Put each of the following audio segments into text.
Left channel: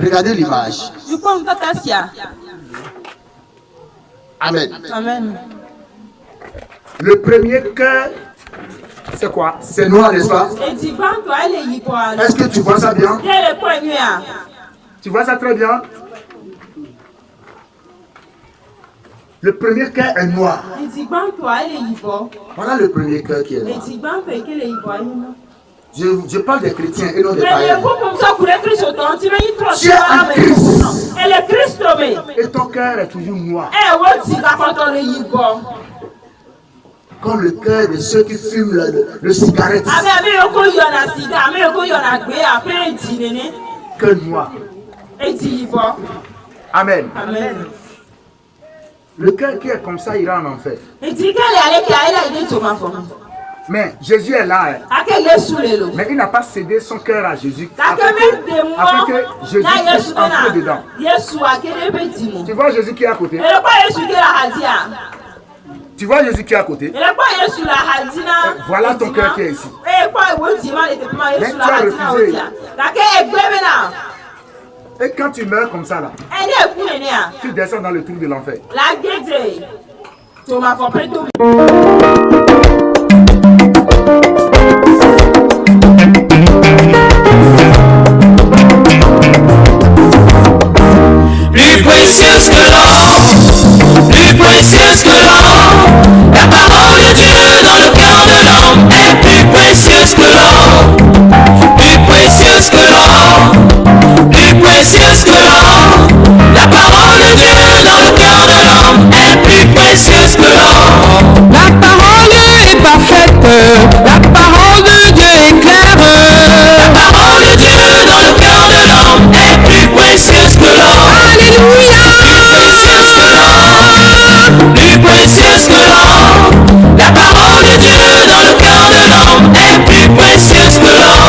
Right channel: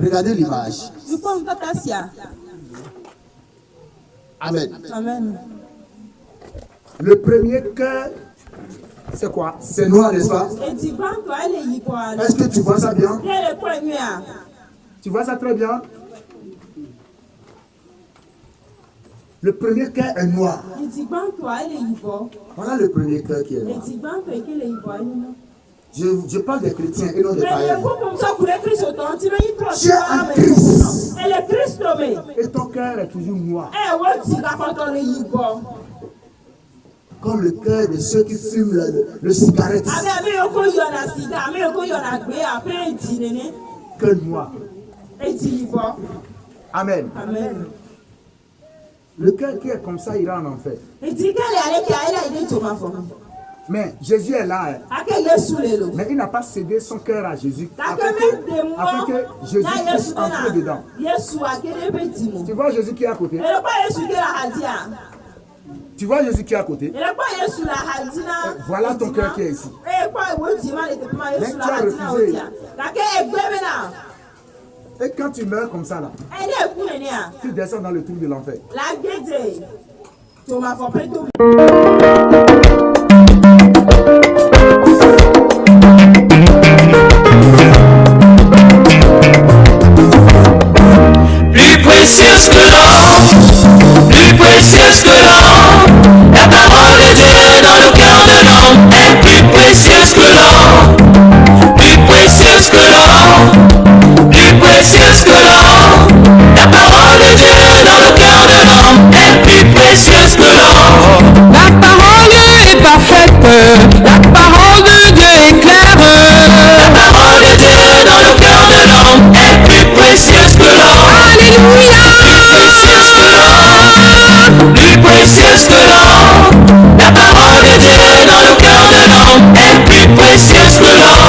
Regardez l'image. Amen. Amen. Le premier cœur, c'est quoi? C'est noir, n'est-ce pas? Est-ce que tu vois ça bien? Tu vois ça très bien? Le premier cœur est noir. Voilà le premier cœur qui est noir. Je parle des chrétiens et non des païens. Tu es un Christ. Et ton cœur est toujours noir. Comme le cœur de ceux qui fument le cigarette. Cœur noir. Amen. Amen. Le cœur qui est comme ça ira en enfer. Mais Jésus est là. Mais il n'a pas cédé son cœur à Jésus. Afin que Jésus puisse entrer dedans. Tu vois Jésus qui est à côté? Tu vois Jésus qui est à côté? Voilà ton cœur qui est ici. Mais tu as refusé. Et quand tu meurs comme ça là, tu descends dans le trou de l'enfer. Plus précieuse que l'or, plus précieuse que l'or, la parole de Dieu dans le cœur de l'homme est plus précieuse que l'or, plus précieuse que l'or, plus précieuse que l'or, la parole de Dieu dans le cœur de l'homme est plus précieuse que l'or. La parole est parfaite, la parole de Dieu est claire, la parole de Dieu dans le cœur de l'homme est plus précieuse que l'or. Alléluia. Plus précieuse que l'or, la parole de Dieu dans le cœur de l'homme est plus précieuse que l'or,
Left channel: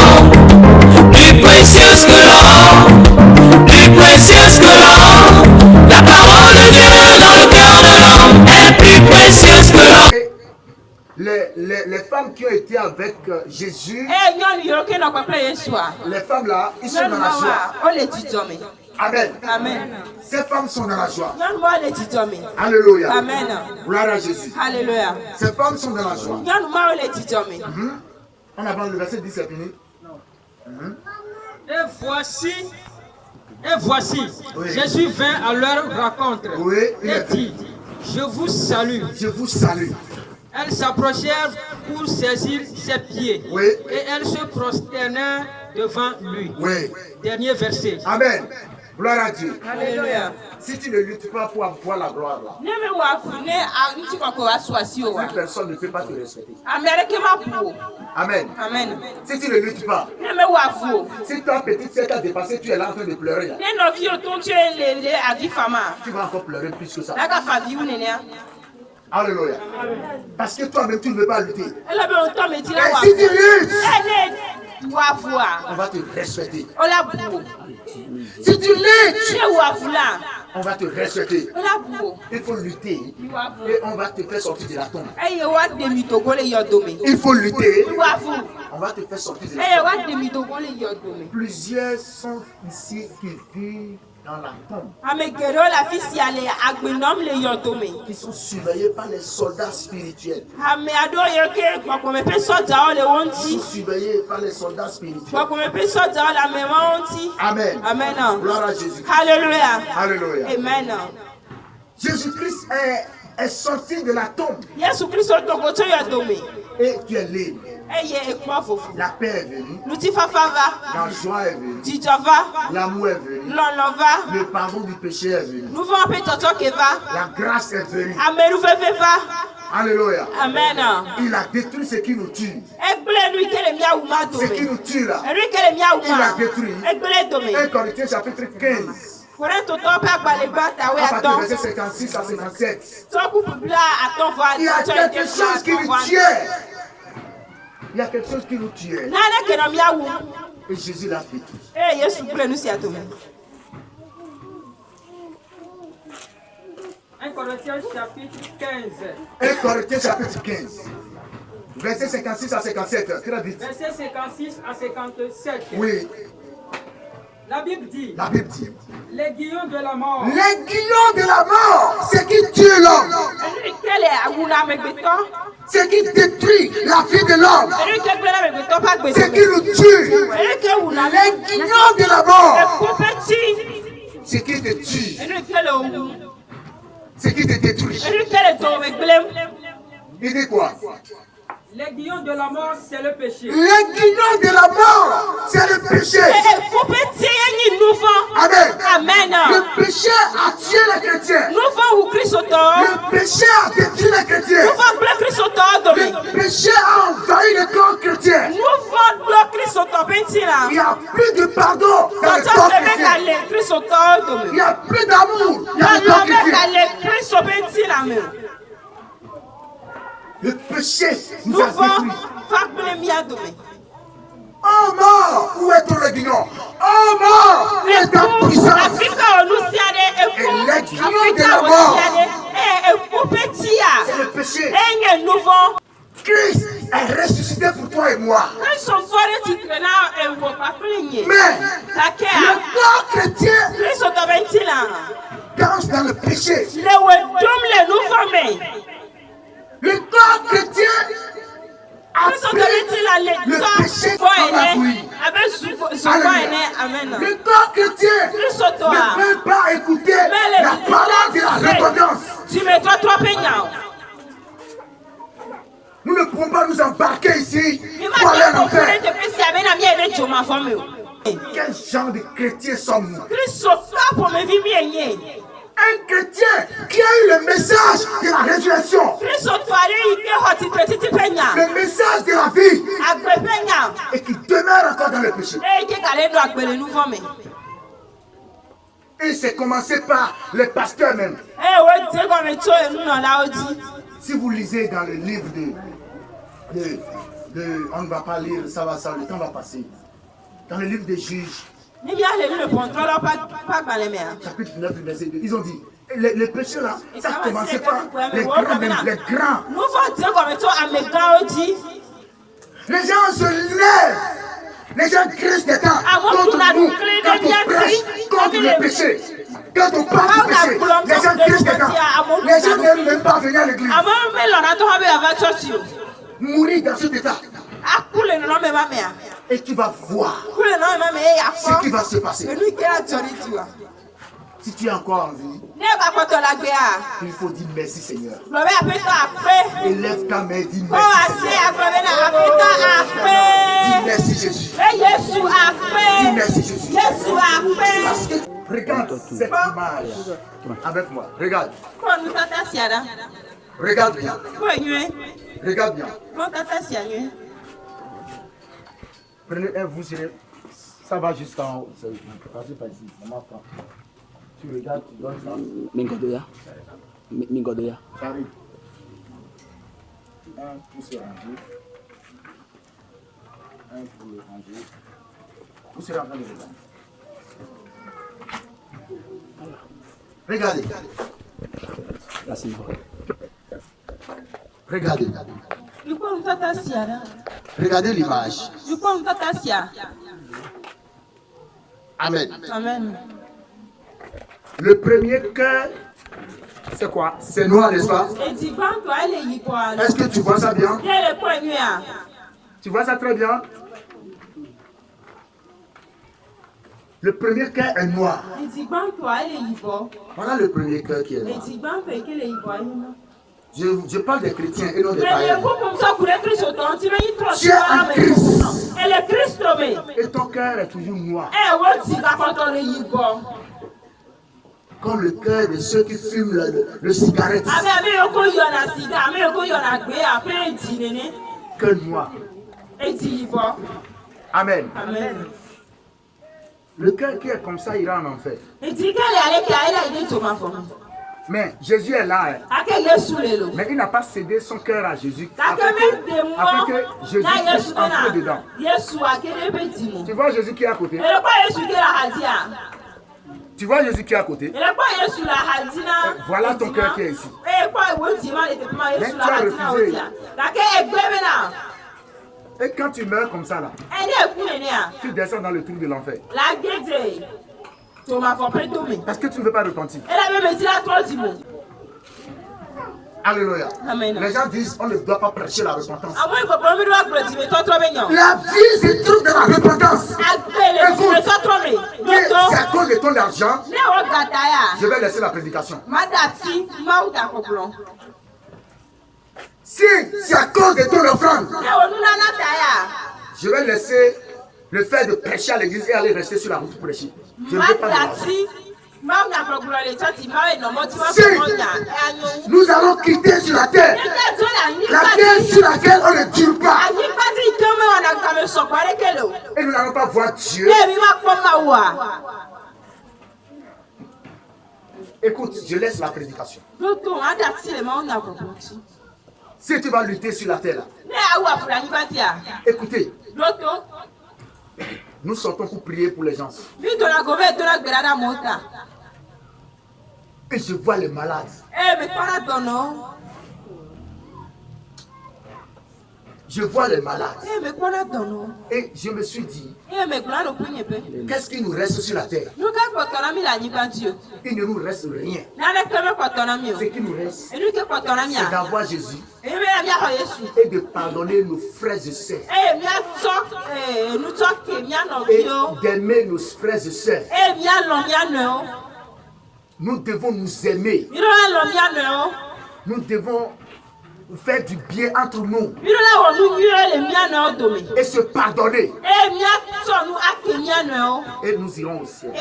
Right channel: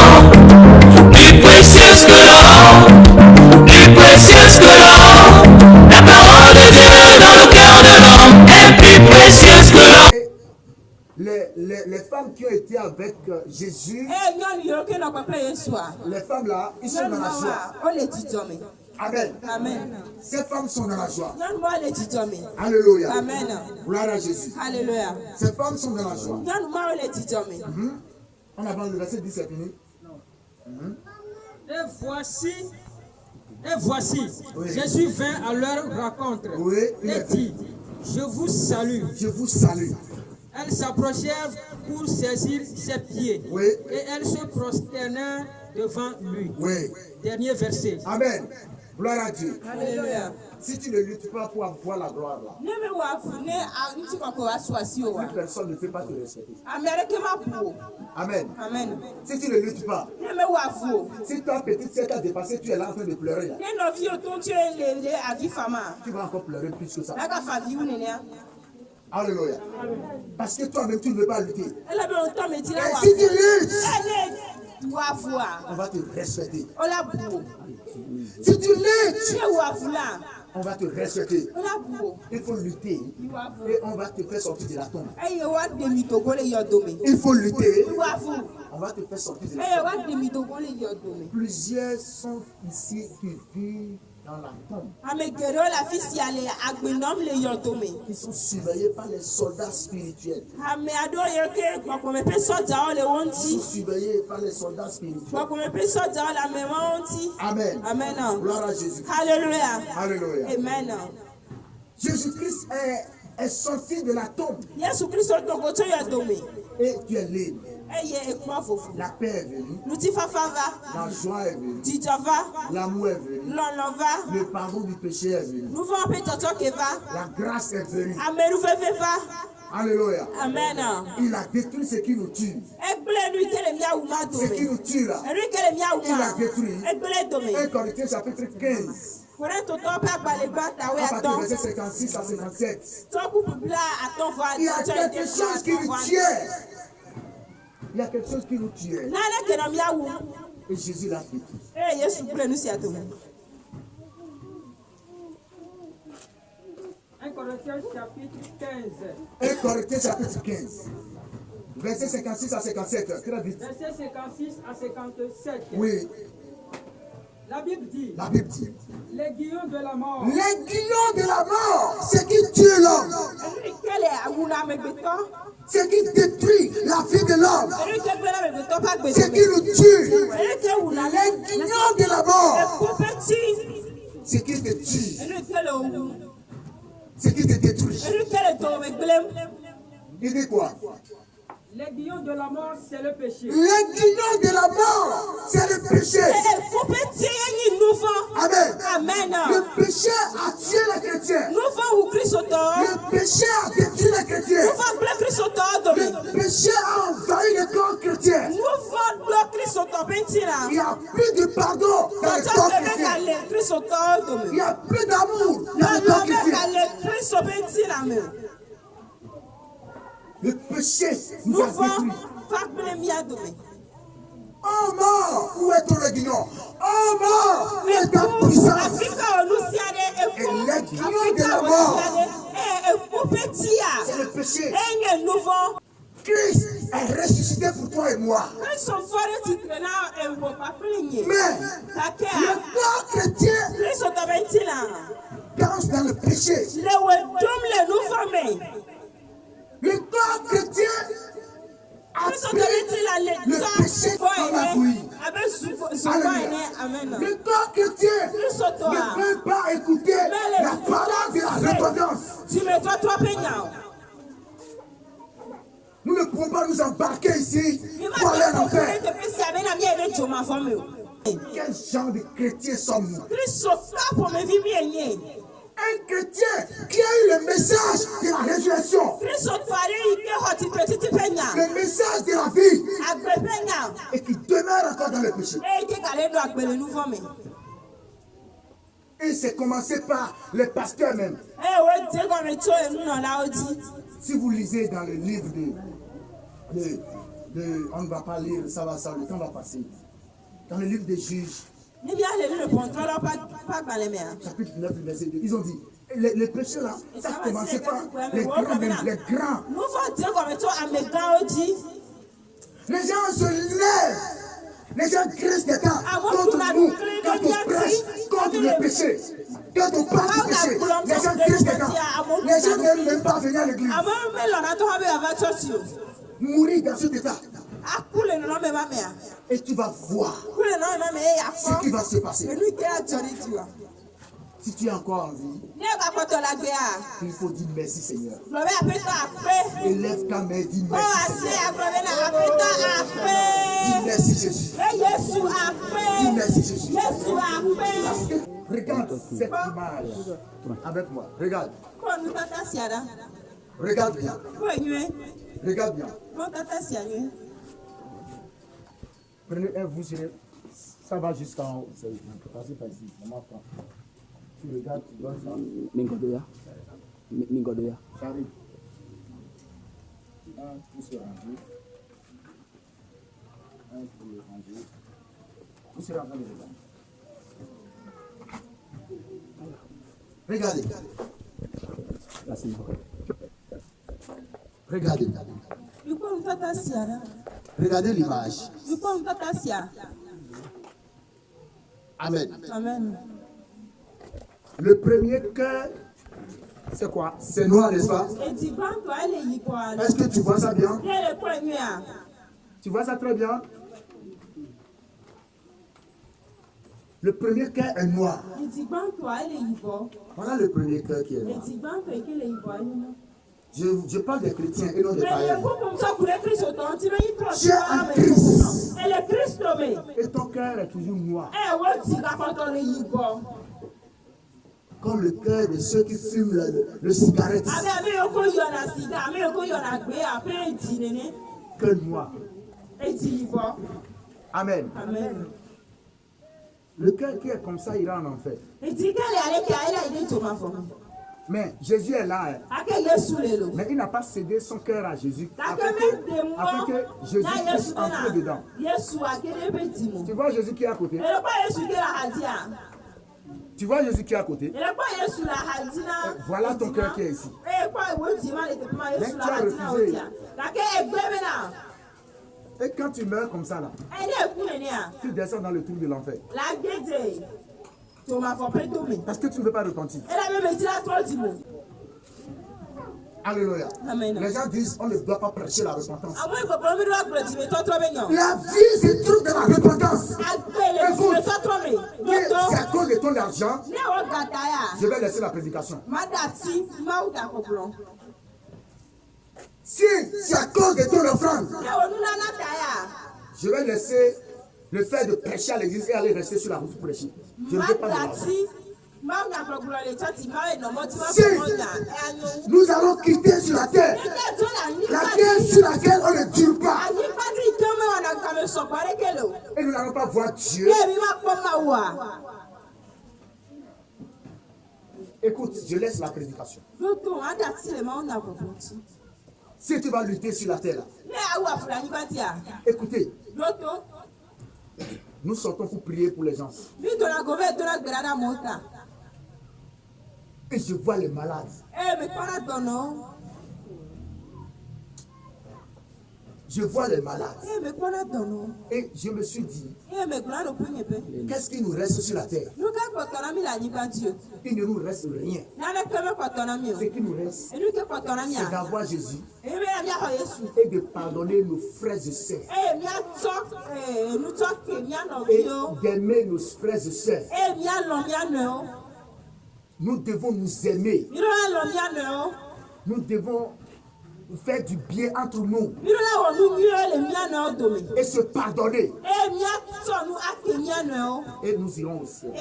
plus précieuse que l'or, plus précieuse que l'or, la parole de Dieu dans le cœur de l'homme est plus précieuse que l'or. Les femmes qui ont été avec Jésus, les femmes là, ils sont dans la joie. Amen. Amen. Ces femmes sont dans la joie. Alléluia. Alléluia. Amen. Gloire à Jésus. Alléluia. Ces femmes sont dans la joie. On avance le verset 10, c'est fini. Et voici, Oui. Jésus vint à leur rencontre Oui, il et est dit, je vous salue. Je vous salue. Elles s'approchèrent pour saisir ses pieds Oui. et elles se prosternèrent devant lui. Oui. Dernier verset. Amen. Gloire à Dieu. Alléluia. Si tu ne luttes pas pour avoir la gloire là, plus personne ne peut pas te respecter. Amen. Amen. Si tu ne luttes pas, si ta petite sœur t'a dépassé, tu es là en train de pleurer. Là. Tu vas encore pleurer plus que ça. Alléluia. Parce que toi-même, tu ne veux pas lutter. Et si tu luttes, on va te respecter. Si tu luttes, on va te respecter. Il faut lutter et on va te faire sortir de la tombe. Il faut lutter. On va te faire sortir de la tombe. Plusieurs sont ici qui vivent dans la tombe. Qui sont surveillés par les soldats spirituels. Qui sont surveillés par les soldats spirituels. Amen. Amen. Gloire à Jésus. Alléluia. Alléluia. Amen. Jésus-Christ est sorti de la tombe et tu es libre. La paix est venue. La joie est venue. L'amour est venu. Le pardon du péché est venu. La grâce est venue. Alléluia. Amen. Il a détruit ce qui nous tue. Ce qui nous tue là. Il a détruit. 1 Corinthiens chapitre 15. À partir du verset 56 à 57. Il y a quelque chose qui nous tue. Il y a quelque chose qui nous tue. Et Jésus l'a détruit. 1 Corinthiens chapitre 15. 1 Corinthiens chapitre 15. Verset 56 à 57. Très vite. Verset 56 à 57. Oui. La Bible dit. La Bible dit. L'aiguillon de la mort. L'aiguillon de la mort, c'est qui tue l'homme. C'est qui détruit la vie de l'homme. C'est qui nous tue. L'aiguillon de la mort, c'est qui te tue. C'est qui te détruit. Il dit quoi? L'aiguillon de la mort, c'est le péché. L'aiguillon de la mort, c'est le péché. Amen. Le péché a tué les chrétiens. Le péché a détruit les chrétiens. Le péché a envahi le corps chrétien. Il n'y a plus de pardon dans le corps chrétien. Il n'y a plus d'amour dans le corps chrétien. Le péché nous a détruits. Oh mort, où est ton aiguillon? Oh mort, où est ta puissance? Et l'aiguillon de la mort, c'est le péché. Christ est ressuscité pour toi et moi. Mais le corps chrétien danse dans le péché. Le corps chrétien a le péché dans la bouillie. Le corps chrétien ne peut pas écouter la parole de la repentance. Nous ne pouvons pas nous embarquer ici pour aller en enfer. Quel genre de chrétiens sommes-nous? Un chrétien qui a eu le message de la résurrection, le message de la vie, et qui demeure encore dans le péché. Et c'est commencé par les pasteurs même. Si vous lisez dans le livre on ne va pas lire, ça va, le temps va passer. Dans le livre des Juges, chapitre 9, verset 2, ils ont dit, les péchés là, ça a commencé par les grands, même les grands. Les gens se lèvent, les gens crient des temps contre nous, quand on prêche contre le péché. Quand on parle du péché, les gens crient des temps. Les gens n'aiment même pas venir à l'église. Mourir dans cet état. Et tu vas voir ce qui va se passer. Si tu es encore en vie, il faut dire merci Seigneur. Élève ta main et dis merci Seigneur. Dis merci Jésus. Dis merci Jésus. Parce que regarde cette image avec moi. Regarde. Regarde bien. Regarde bien. Prenez un, vous serez. Ça va jusqu'en haut. Passez pas ici. Tu regardes, tu donnes ça. Mingodoya. Ça arrive. Un pour se ranger. Un pour le ranger. Vous serez en train de regarder. Regardez. Regardez l'image. Amen. Le premier cœur, c'est quoi? C'est noir, n'est-ce pas? Est-ce que tu vois ça bien? Tu vois ça très bien? Le premier cœur est noir. Voilà le premier cœur qui est noir. Je parle des chrétiens et non des païens. Tu es un Christ. Et ton cœur est toujours noir. Comme le cœur de ceux qui fument le cigarette. Cœur noir. Amen. Le cœur qui est comme ça ira en enfer. Mais Jésus est là. Mais il n'a pas cédé son cœur à Jésus afin que Jésus puisse entrer dedans. Tu vois Jésus qui est à côté? Tu vois Jésus qui est à côté? Voilà ton cœur qui est ici. Mais tu as refusé. Et quand tu meurs comme ça là, tu descends dans le trou de l'enfer. Parce que tu ne veux pas repentir. Alléluia. Les gens disent on ne doit pas prêcher la repentance. La vie se trouve dans la repentance. Écoute, c'est à cause de ton argent, je vais laisser la prédication. Si c'est à cause de ton offrande, je vais laisser le fait de prêcher à l'église et aller rester sur la route pour prêcher. Je ne veux pas de l'argent. Si nous allons quitter sur la terre sur laquelle on ne dure pas, et nous n'allons pas voir Dieu. Écoute, je laisse la prédication. Si tu vas lutter sur la terre là, écoutez, nous sortons pour prier pour les gens. Et je vois les malades. Je vois les malades. Et je me suis dit, qu'est-ce qui nous reste sur la terre? Il ne nous reste rien. Ce qui nous reste, c'est d'avoir Jésus et de pardonner nos frères et sœurs. Et d'aimer nos frères et sœurs. Nous devons nous aimer. Nous devons faire du bien entre nous. Et se pardonner. Et nous irons au ciel.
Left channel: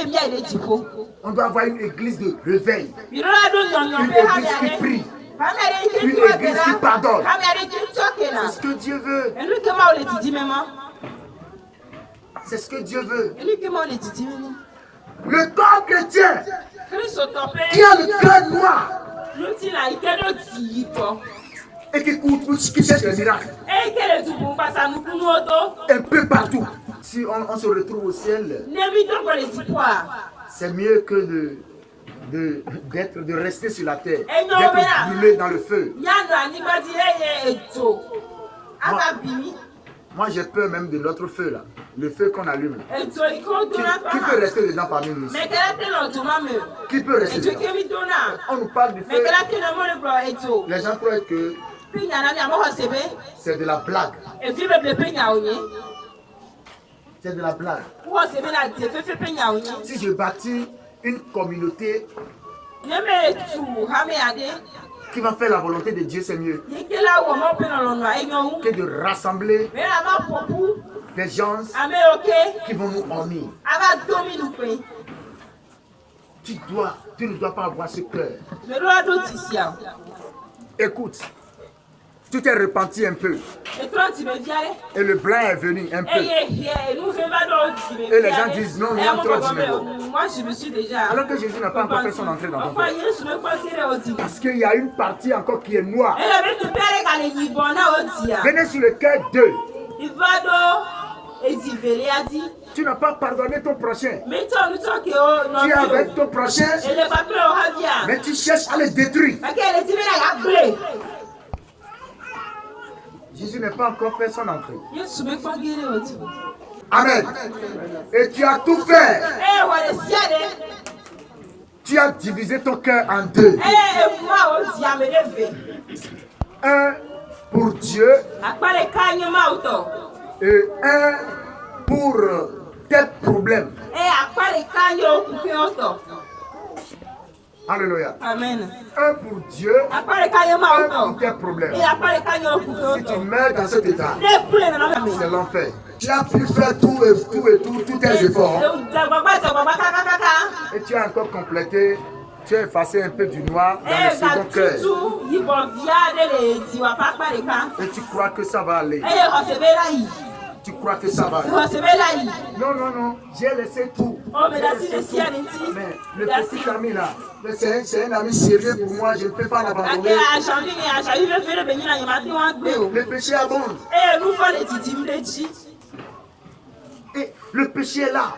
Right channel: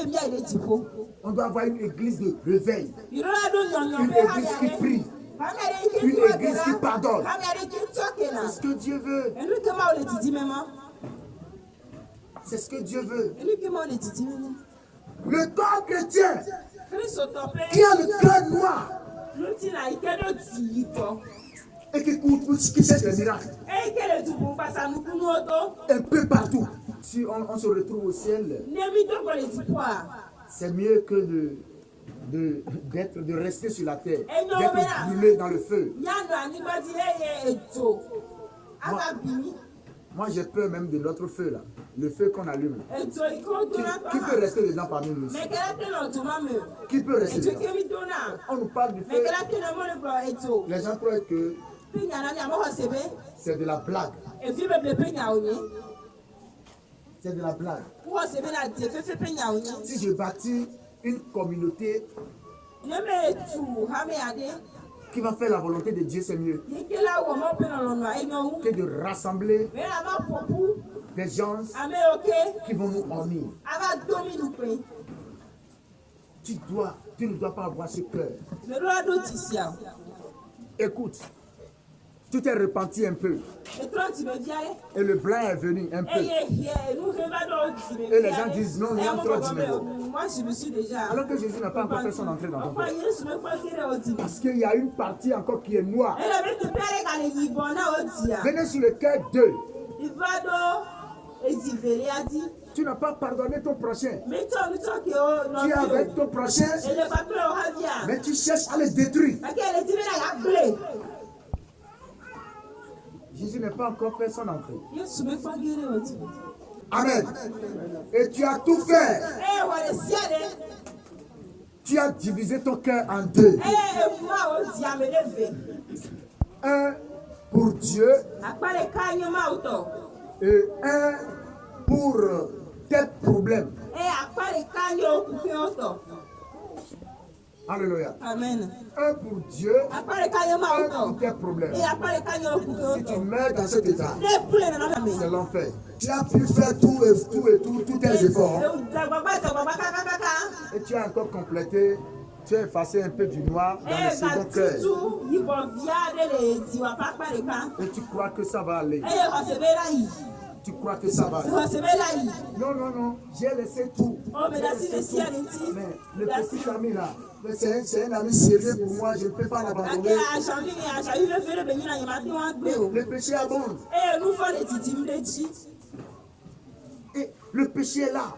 On doit avoir une église de réveil. Une église qui prie. Une église qui pardonne. C'est ce que Dieu veut. C'est ce que Dieu veut. Le corps chrétien qui a le cœur noir et qui cherche les miracles un peu partout. Si on se retrouve au ciel, c'est mieux que de rester sur la terre, d'être brûlé dans le feu. Moi j'ai peur même de l'autre feu là, le feu qu'on allume. Qui peut rester dedans parmi nous? Qui peut rester dedans? On nous parle du feu. Les gens croient que c'est de la blague. C'est de la blague. Si je bâtis une communauté qui va faire la volonté de Dieu, c'est mieux que de rassembler des gens qui vont nous honner. Tu ne dois pas avoir ce cœur. Écoute, tu t'es repenti un peu. Et le blanc est venu un peu. Et les gens disent non, il y a trop de. Alors que Jésus n'a pas encore fait son entrée dans ton cœur. Parce qu'il y a une partie encore qui est noire. Venez sur le cœur d'eux. Tu n'as pas pardonné ton prochain. Tu es avec ton prochain, mais tu cherches à le détruire. Jésus n'a pas encore fait son entrée. Amen. Et tu as tout fait. Tu as divisé ton cœur en deux. Un pour Dieu et un pour tes problèmes. Alléluia. Amen. Un pour Dieu, un pour tes problèmes. Si tu meurs dans cet état, c'est l'enfer. Tu as pu faire tous tes efforts. Et tu as encore complété, tu as effacé un peu du noir dans le second cœur. Et tu crois que ça va aller. Tu crois que ça va aller. Non, non, non, j'ai laissé tout. Mais le petit ami là, c'est un ami sérieux pour moi, je ne peux pas l'abandonner. Le péché abonde. Et le péché est là.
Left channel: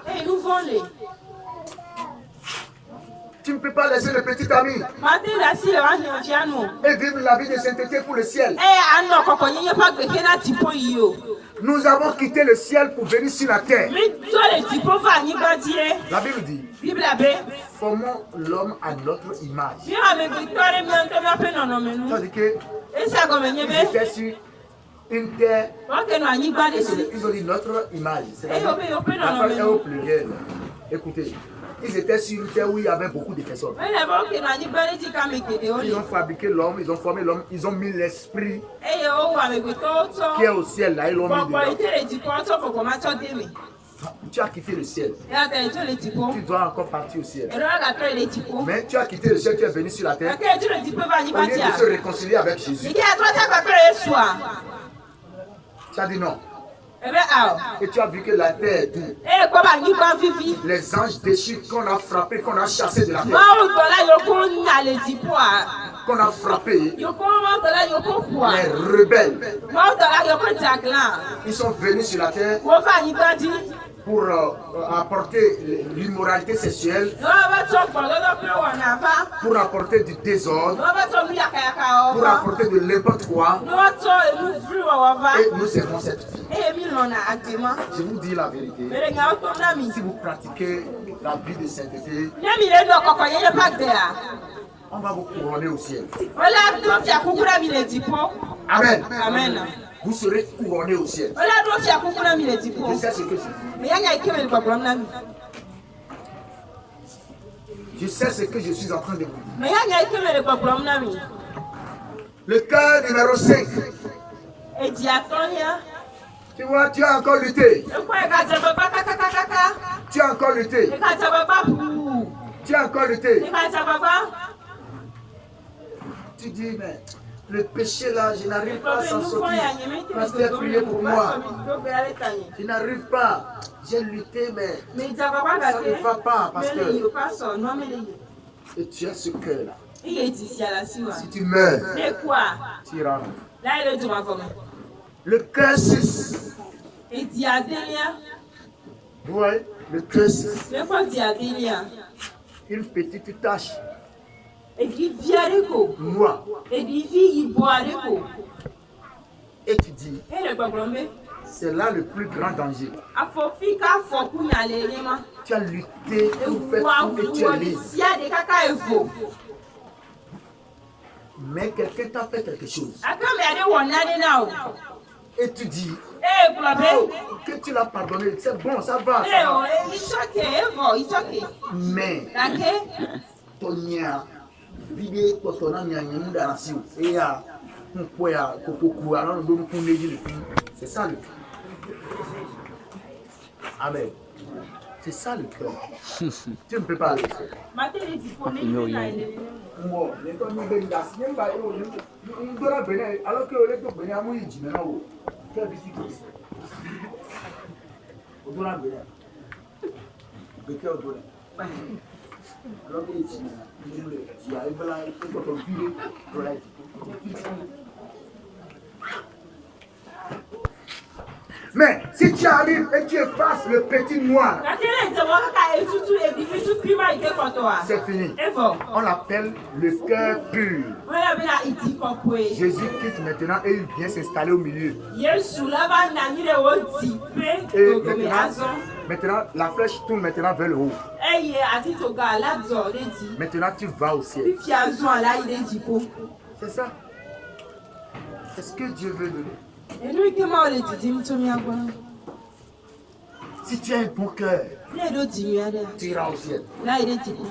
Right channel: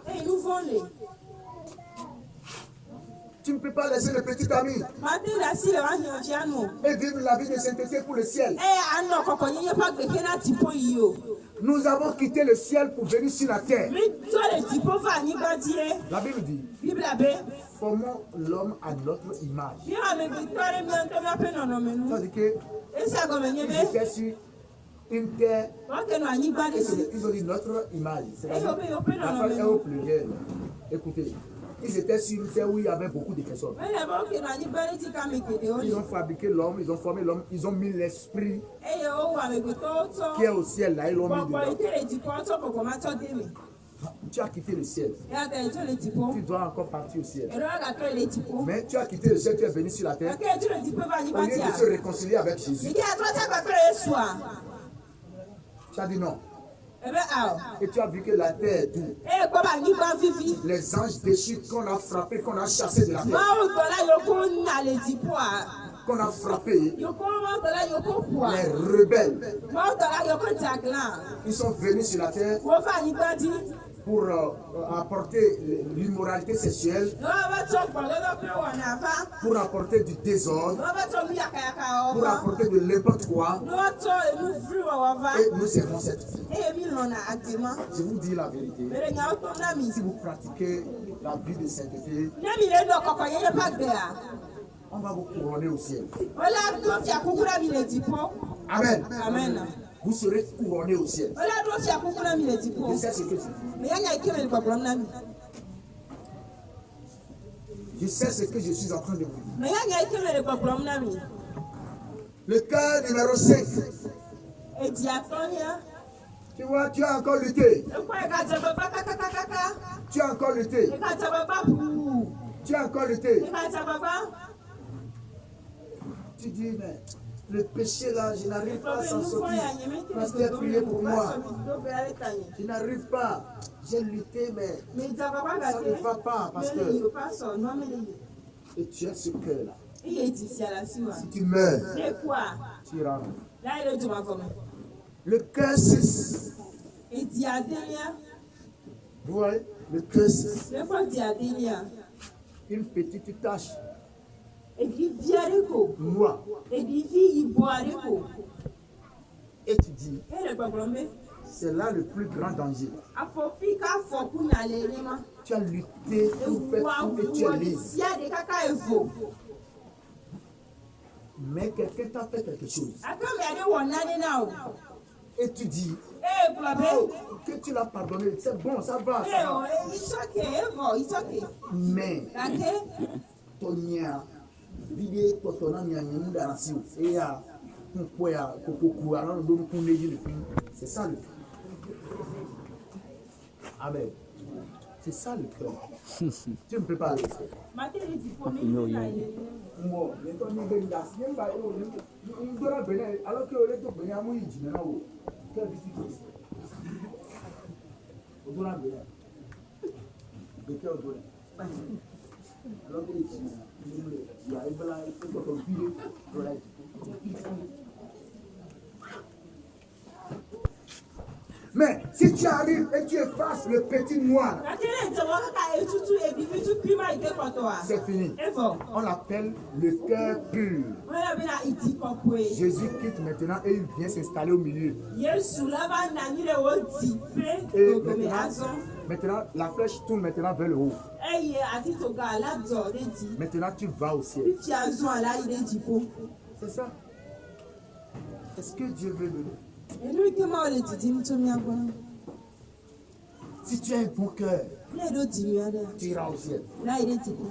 Tu ne peux pas laisser le petit ami Mate la si le wanyo jianu. et vivre la vie de sainteté pour le ciel. Ano koko yenye pa gbeke na tipo yi o. Nous avons quitté le ciel pour venir sur la terre. Mi so le tipo fa ni ba dire. La Bible dit, Bible abe. formons l'homme à notre image. Mi ame victoire mi anto mi ape nono menu. Ça veut dire que Esa go menye ils be. étaient sur une terre. Wa ke no anyi ba de Et si. ils ont dit notre image. C'est-à-dire, Eh, on peut la non, femme mais est non. au pluriel. Écoutez, ils étaient sur une terre où il y avait beaucoup de personnes. Me le ba ke no anyi ba de ti ka me kede o Ils le. ont fabriqué l'homme, ils ont formé l'homme, ils ont mis l'esprit Eye o wa me gbe to qui est to. au ciel là, ils l'ont mis Popo dedans. ite le tipo to koko ma to de me. Tu as quitté le ciel. Ya te to le tipo. Tu dois encore partir au ciel. Ero ga to le tipo. Mais tu as quitté le ciel, tu es venu sur la terre. Ake to le tipo ba ni Au ba lieu ti de a. se réconcilier avec Jésus, Ike a to ta pa pere Yesu a. tu as dit non. Ebe a o. Et tu as vu que la terre est dure. E ko ba ni ba vivi. Les anges déchus qu'on a frappés, qu'on a chassés de la terre, Ma o to la yo ko na le tipo a. qu'on a frappés, Yo ko ma to la yo ko ku a. les rebelles, Ma o to la yo ko jaglan. ils sont venus sur la terre Wo fa ni ba di. pour apporter l'immoralité sexuelle, Yo ba to po lo pe wo na fa. pour apporter du Yo désordre, ba to mi yaka o. pour apporter de n'importe quoi. Yo to elu free wo va. Et nous servons cette vie. E mi lo na agbema. Je vous dis la vérité. Mere nya o to na mi. Si vous pratiquez la vie de sainteté, Ne mi le no koko yenye pa gbe a. on va vous couronner au ciel. Ola to ti akukura mi le tipo. Amen. Amen. Vous serez couronné au ciel. Ola to ti akukura mi le tipo. Je sais ce que je dis. Me yanya ike me problem na mi. Je sais ce que je suis en train de vous dire. Me yanya ike me problem na mi. Le cœur numéro 5. Eji atonia. Tu vois, tu as encore lutté. E ko e ka je baba kaka. Tu as encore lutté. E ka je baba pu. Tu as encore lutté. E ka je baba. Tu dis, mais le péché là, je n'arrive pas à s'en Nous sortir. ya nyeme te Pasteur, priez pour moi. Do be ale tani. Je n'arrive pas. J'ai lutté, mais Me ja baba ça ga ne va pas. Parce Me le yo que pa so no me le yo. et tu as ce cœur là. Iye ti si ala si wa. Si tu meurs, Ne kwa. tu iras. La ile du ma fo me. Le cœur 6. Eji adelia. Vous voyez, le cœur 6. Le ko di adelia. Une petite tache Eji viare ko. noire. Eji fi yibo are ko. Et tu dis, E le problem me. c'est là le plus grand danger. Afofi ka fo ku na le le ma. Tu as lutté pour faire Wa tout et tu wo es ni libre. si ade kaka efo. Mais quelqu'un t'a fait quelque chose. Aka me ade wo na de na o. Et tu dis, Eh problem. que tu l'as pardonné. C'est bon, ça va. Eh Ça o, va. it's okay, evo, it's okay. Mais, Ake, Tonya, vide Totona Nyanyamu Darasio, et à Mpoya, Kokoku, alors nous nous le c'est ça le cœur. Amen. C'est ça le cœur. Tu ne peux pas aller. materi di po me na ile. Moi, les gens nous donnent la sienne, nous donnons Bénin, alors que les gens Bénin, nous disent maintenant, quelle visite au Bénin. De quel Bénin? Alors que les gens arrivent là, ils font ton filet, mais si tu arrives et tu effaces le petit noir, Materi di wo kaka etutu edifisu krima ike koto wa. c'est fini. Evo, On l'appelle le cœur pur. wala be na iti kokwe. Jésus quitte maintenant et il vient s'installer au milieu. Yesu laba na ni le wo ti pe Et ogome azon. maintenant, la flèche tourne maintenant vers le haut. Eye ati to ga aladzo re di. Maintenant, tu vas au ciel. Fifi azon ala ile di po. C'est ça. C'est ce que Dieu veut donner. Enu ike ma o le di mi to mi agbon. Si tu as un bon cœur, Le do ti mi ade. tu iras au ciel. La ile di po.